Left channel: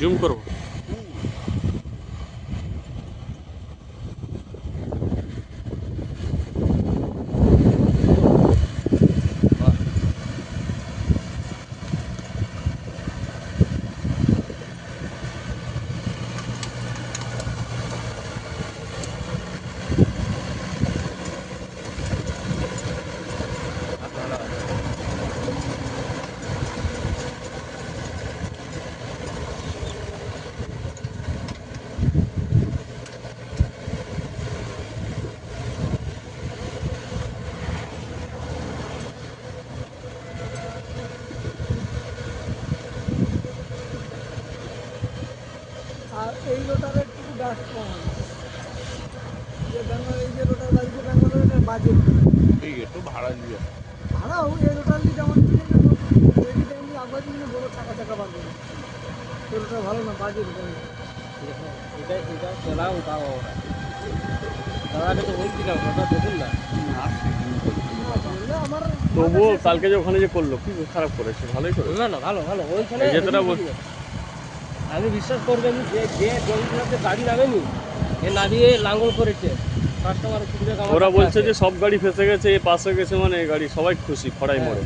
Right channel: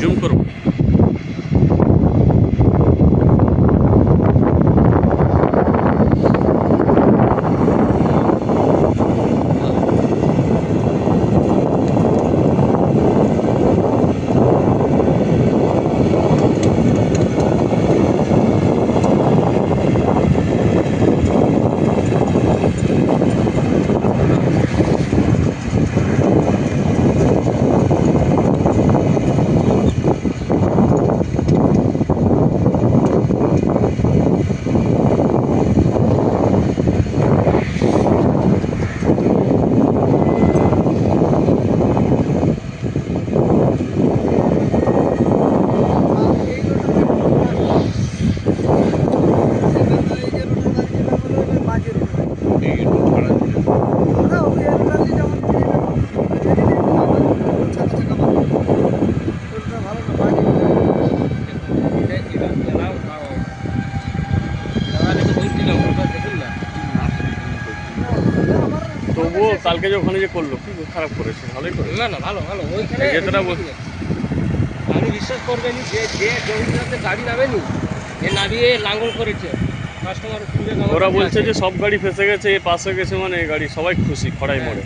Zoom করো। তবুও কালকে যে ওখানে যে করলো কি খারাপ করেছে? ভালোই করেছে। না না, ভালো ভালো। ওইখানে যেটা আমি বিশ্বাস করবেন যে যে জমিটাতে গাড়ি নামেনি, এ নামিয়ে লাঙ্গল করেছে কাস্টমার খুঁজে। ওরা বলছে যে সব গাড়ি ফেসে গেছে, এ পাশে গেছে, মানে গাড়ি সবাই খুশি খড়াই মোড়ে।